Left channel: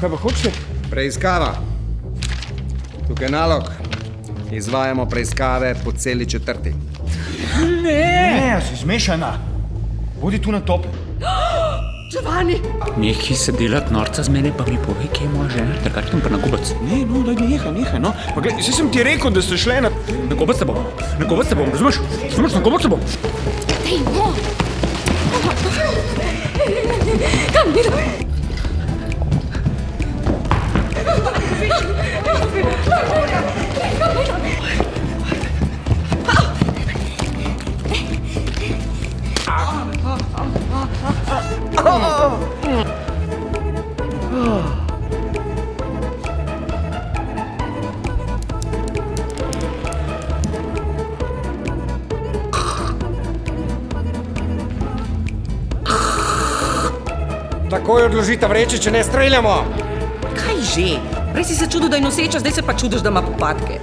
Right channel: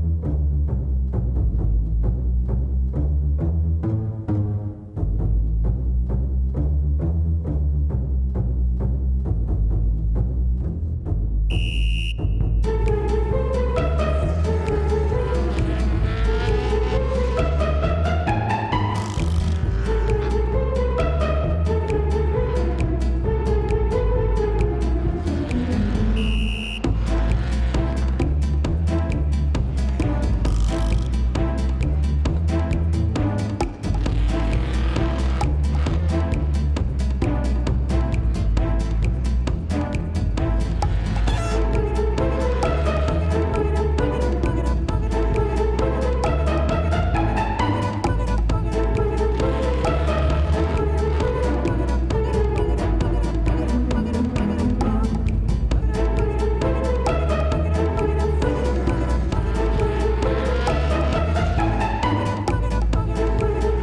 Kaj pa hočete? Preiskava. Tukaj nalog. Izvajamo preiskave po celi četrti. Ne, si zmešana. Bodi tu na top. Giovanni! Nekaj se delati norca z mene, pa mi povej, kje ima že, da kartim pa na gobec. Nehaj, no. Pa gledaj, saj sem ti rekel, da ste šle na... Na gobec se bom, razumeš? Na gobec se bom. Dej, no! Kam bi da? Takoj odložite vreče, če ne streljamo. Kaj že? Prej si se čudil, da je noseča, zdaj se pa čudiš, da ima popadke.